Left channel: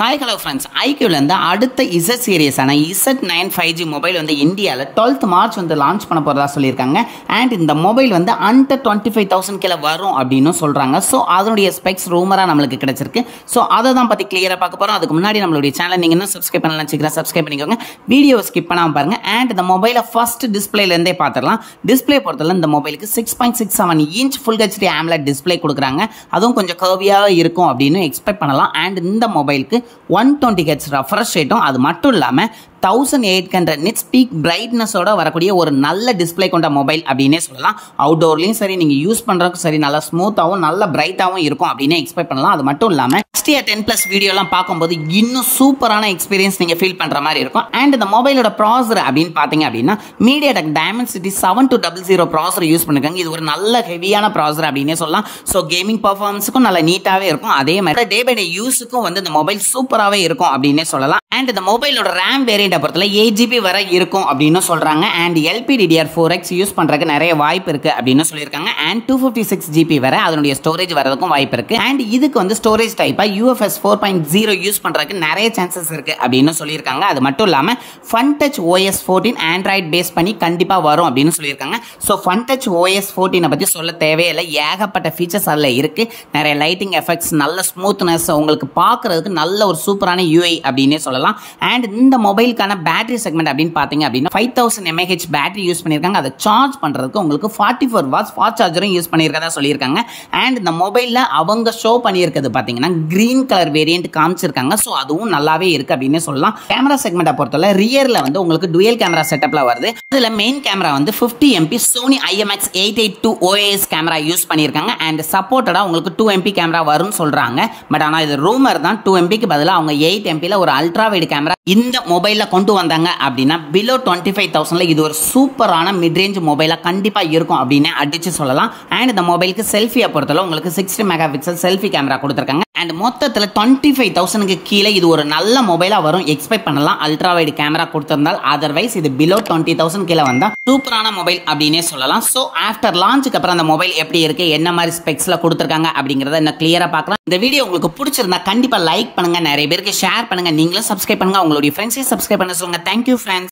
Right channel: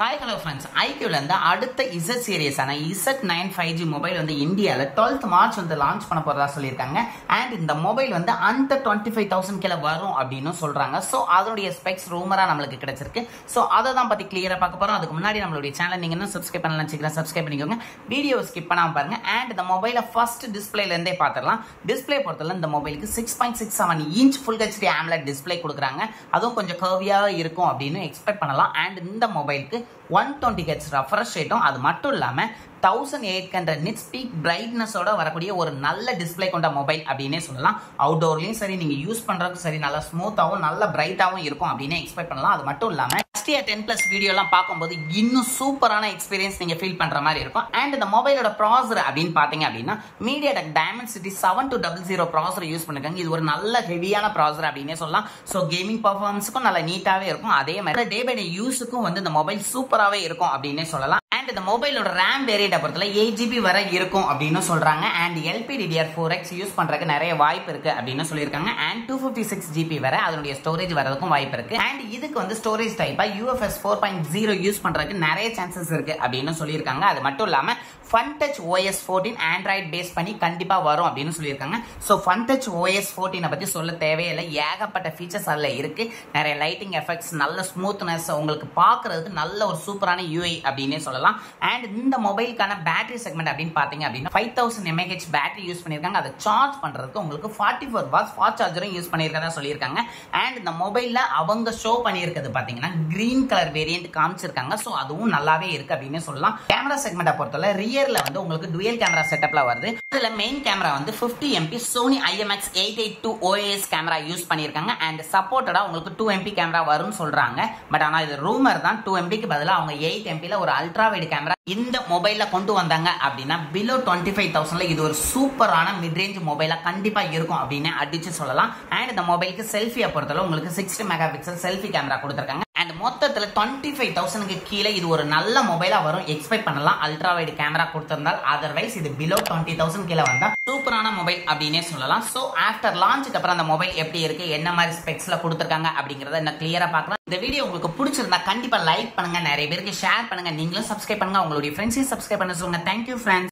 Hi hello friends, iQல இருந்து அடுத்த Z series ஆன Z9 5G மொபைல் வந்து இந்தியால 12th March வந்து லான்ச் பண்ண போறதா சொல்லிருக்காங்க. அண்ட் இந்த மொபைல் வந்து under 25000 கில வரும் அப்படினு சொல்றாங்க. சோ அதனுடைய ஸ்பெக்ஸ் ரூமரா நமக்கு கிடைச்சிருக்கு. சோ அத தான் பத்தி கிளியரா பார்க்க போறோம். அதுக்கு முன்னாடி நம்மளுடைய சேனலை நீங்க இன்னும் சப்ஸ்கிரைப் பண்ணலனா சீக்கிரம் சப்ஸ்கிரைப் பண்ணிக்கோங்க. வீடியோ ஸ்கிப் பண்ணாம பாருங்க. அண்ட் இந்த மொபைலை ஃபர்ஸ்ட் டிஸ்ப்ளேல இருந்தே பார்த்தறலாம். டிஸ்ப்ளே பொறுத்தல இந்த மொபைலுக்கு 6.67 inch Full HD AMOLED display கொடுக்கறாங்க. அதுவும் கொஞ்சம் கர்வியா இருக்கும் அப்படினு எக்ஸ்பெக்ட் பண்ணலாம். அண்ட் இந்த மொபைலுக்கு 120 Hz refresh rate அது மட்டும் இல்லாம 1800 nits peak brightness ஓட வரக்கூடிய ஒரு நல்ல டிஸ்ப்ளே கொண்ட மொபைல் அப்படினே சொல்லலாம். அவுட்டோர்லயும் சரி நீங்க யூஸ் பண்றதுக்கு சரி நல்ல ஸ்மூத்தாவும் நல்ல பிரைட்டாவும் இருக்கும் அப்படினே எக்ஸ்பெக்ட் பண்ணலாம். அது மட்டும் இல்லாம 10+ வீடியோலாம் பாக்கும்போது இன்னும் சூப்பரான எக்ஸ்பீரியன்ஸ் நீங்க ஃபீல் பண்ற மாதிரி இருக்கும். அண்ட் இந்த மொபைலோட ப்ராசஸர் அப்படினு பாத்தீங்க அப்படினா MediaTek Dimensity 7200 ப்ராசஸர் யூஸ் பண்ணிருக்காங்க. இது ஒரு நல்ல ஹெவியான ப்ராசஸர் அப்படினே சொல்லலாம். சோ கேமிங் பெர்ஃபார்மன்ஸ்க்கும் நல்ல நீட்டாவே இருக்கும். அதே மாதிரி டே பை டே யூஸ்க்கும் வந்து இந்த மொபைல் சூப்பராவே இருக்கும் அப்படினே சொல்லலாம். அண்ட் இந்த மொபைலோட RAM வேரியன்ட் பொறுத்தல 8GB வரை இருக்கும் அப்படின்னு சொல்றாங்க. அண்ட் LPDDR4X யூஸ் பண்றதுக்கு நிறைய வாய்ப்பு இருக்கு அப்படின்னு சொல்லியிருக்காங்க. அண்ட் 256GB வரை அதனுடைய ஸ்டோரேஜ் வரதுக்கும் வாய்ப்பு இருக்கு. அண்ட் இதுக்கு வந்து ஸ்டோரேஜ் டைப்பா UFS 4.0 யூஸ் பண்றதுக்கு நிறைய சான்சஸ் இருக்கு அப்படின்னு சொல்லியிருக்காங்க. அது மட்டும் இல்லாம FunTouch OS 14 ஆண்ட்ராய்ட் பேஸ் பண்ணி கண்டிப்பா வரும் அப்படின்னு சொல்லியிருக்காங்க. ஸோ FunTouch OS 14 பத்தி சொல்ல தேவையில்லை. ஏகப்பட்ட ஃபீச்சர்ஸ் அதில் இருக்கு. நிறைய லைட்டிங் எஃபெக்ட்ஸ், நல்ல ஸ்மூத்னஸ், உங்களுக்கு பார்க்கறதுக்கு நல்ல ஒரு சூப்பரான UI அப்படின்னே சொல்லலாம். அண்ட் இந்த மொபைலுக்கான பேட்டரி செக்மெண்ட் அப்படின்னு பாத்தீங்க அப்படின்னா 5000 mAh பேட்டரி யூஸ் பண்ணிருக்காங்க. அதை சார்ஜ் பண்றதுக்கு உங்களுக்கு 44 வாட்ஸ் ஃபாஸ்ட் சார்ஜரும் யூஸ் பண்ணியிருக்கதா சொல்லியிருக்காங்க. அண்ட் இந்த மொபைல்ல அவங்க ஷோ பண்ணியிருக்கிறது பாத்தீங்கன்னா கிரீன் கலர் வேரியன்ட் காமிச்சிருக்காங்க. ஸோ அதுவும் நல்லாவே இருக்கு அப்படின்னு சொல்லலாம். கேமரா செக்மெண்ட்டை பொறுத்தவரை ரியர்ல வந்து உங்களுக்கு டுவல் கேமரா செட்டப்ல வருது. இதுல மெயின் கேமரா வந்து 50MP Sony IMX 882 OIS camera use பண்ணியிருக்காங்க. அண்ட் சப்போர்ட்டடா உங்களுக்கு 2MP கேமரா வரும்னு சொல்றாங்க. பட் ஆனா இது ரூமர் தான். 2MP பதிலாக அவங்க 8MP ஒரு அல்ட்ரா வைட் கேமரா இந்த மொபைல்ல கொண்டு வந்தாங்க அப்படின்னா பிலோ 25,000 இது ஒரு சூப்பரான மிட் ரேஞ்ச் மொபைலா கண்டிப்பா இருக்கும் அப்படின்னு அடிச்சு சொல்லலாம். அண்ட் இந்த மொபைலுக்கு செல்ஃபியை பொறுத்தவரை உங்களுக்கு 60 மெகாபிக்சல் செல்ஃபி கேமரா கொடுத்துருக்காங்க. அண்ட் மொத்தத்தில் 25,000 கீழே இது ஒரு நல்ல மொபைலா வரும் எக்ஸ்பெக்ட் பண்ணலாம். அல்ட்ரா வைட் கேமரா கொடுத்திருந்தால் அதர்வைஸ் இது பிலோ 20,000 கீழே வந்தா சூப்பரான மொபைல் அப்படின்னே சொல்லலாம். ஸோ ஆஃப்டர் லான்ச்சுக்கு அப்புறம் அந்த மொபைல் எப்படி இருக்கு, என்ன மாதிரி ஸ்பெக்ஸ்ல கொடுத்துருக்காங்க அப்படிங்கறத இன்னும் கிளியரா பார்க்கலாம். இந்த வீடியோ உங்களுக்கு பிடிச்சிருந்தா கண்டிப்பா லைக் பண்ணுங்க, நிறைய பேருக்கு ஷேர் பண்ணுங்க, நீங்களும் சப்ஸ்கிரைப் பண்ணுங்க, உங்களுடைய ஃப்ரெண்ட்ஸையும் சப்ஸ்கிரைப் பண்ண சொல்லுங்க. Thank you friends.